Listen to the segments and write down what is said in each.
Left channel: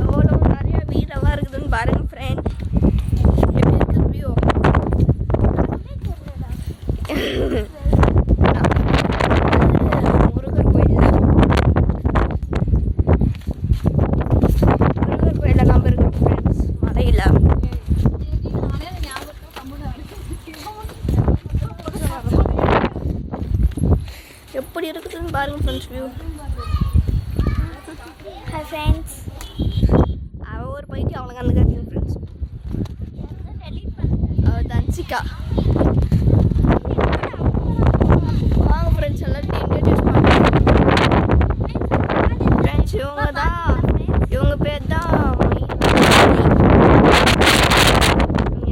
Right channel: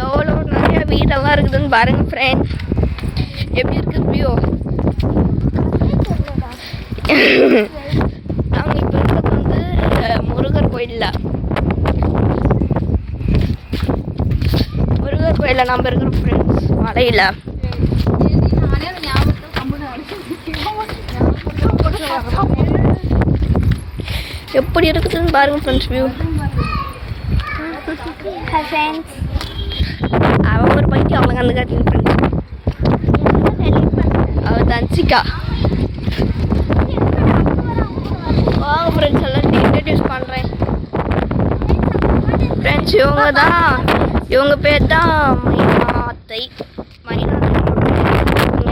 எவ்வளோ நிறைய வீடெல்லாம் இருக்குதுன்னு பாருங்க ஃப்ரெண்ட். எப்படி இருக்குது வியூ? முருகர் கோயிலில் நம்ம இருக்கிற ஃப்ரெண்ட்ஸ் மலையில் எப்படி இருக்குதுன்னு பாருங்க ஃப்ரெண்ட்ஸ் வியூ. Hi friends. அவன் ஒரு பைத்தியம் அவளுக்கு அந்த காட்டிங்க ஃப்ரெண்ட்ஸ். அவள் தன்சிகா. வாங்க ஃப்ரெண்ட்ஸ் எல்லாம் இன்ட்ரடியூஸ் பண்ணுறேன் ஃப்ரெண்ட்ஸ். இவங்க பேர் தான்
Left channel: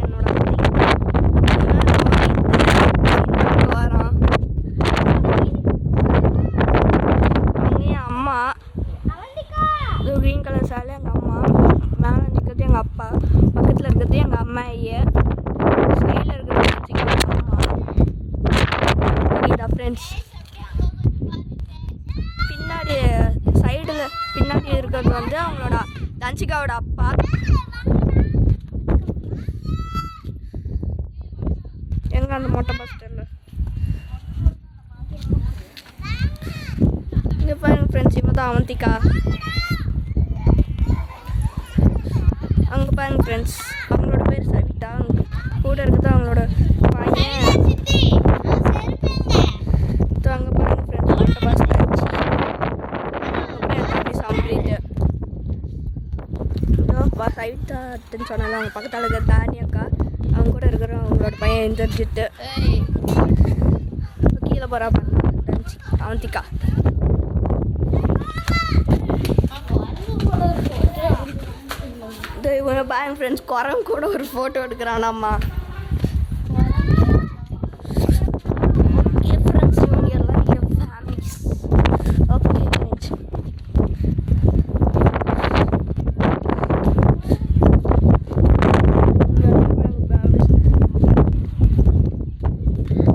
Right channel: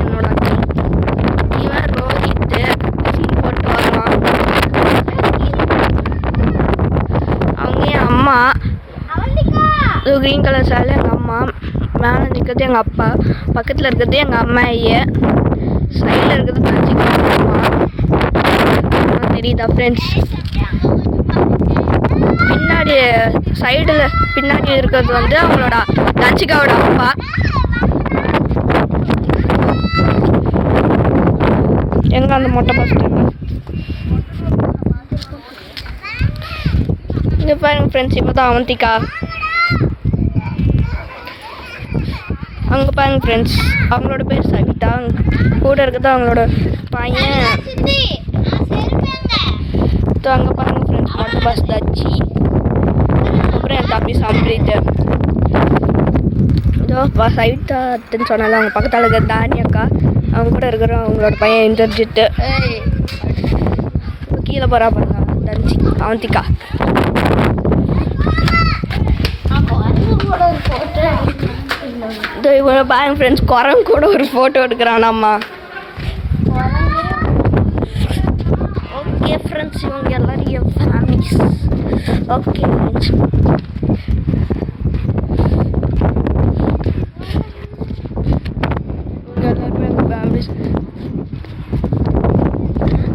என்னோட இவன் ரோஹித். அவங்க என் அம்மா. க்ரீன் கலர் சாலை எங்கள் அம்மா. மேலே நிற்கிறது எங்கள் அப்பா. பக்கத்தில் இருக்கிறது எங்கள் அம்மா. சைடில் இருக்கிறது எங்கள் அம்மா. தெரியுதா ஃப்ரெண்ட்ஸ்? பின்னாடி இருக்கிறது வந்து அவங்களோட தன்சிகாவோட அப்பா. எங்க அந்த மொட்டை பசங்க இங்கே பாருங்க ஃப்ரெண்ட்ஸ். இப்போ தான் அவந்திகா. அங்கே பாருங்க ஃப்ரெண்ட்ஸ், அவங்களோட பேர் சவிதா. கூட இருக்கிறது அவங்களோட பையன். அங்கே பாருங்க ஃப்ரெண்ட்ஸ், மொட்டை பஸ் தச்சி. அப்புறம் என் தம்பி சம்பிரிட்டு. இதோ சவிதான்னு சொன்னால அவங்க பக்கத்தில் இருக்கிற தானி அக்கா. அவங்க கூட இருக்கிற அவங்களோட பையன் இந்திரஜித்து. கீழே போகிறா பாருங்க அவந்திகா. இவங்க பாருங்க ஃப்ரெண்ட்ஸ், குரங்கு கூட ஒரு ஃபோட்டோ எடுக்கிறானாம்மா. ஓகே ஃப்ரெண்ட்ஸ், இவங்க எல்லாரும் என் ஃபேமிலிஸ். Okay friends,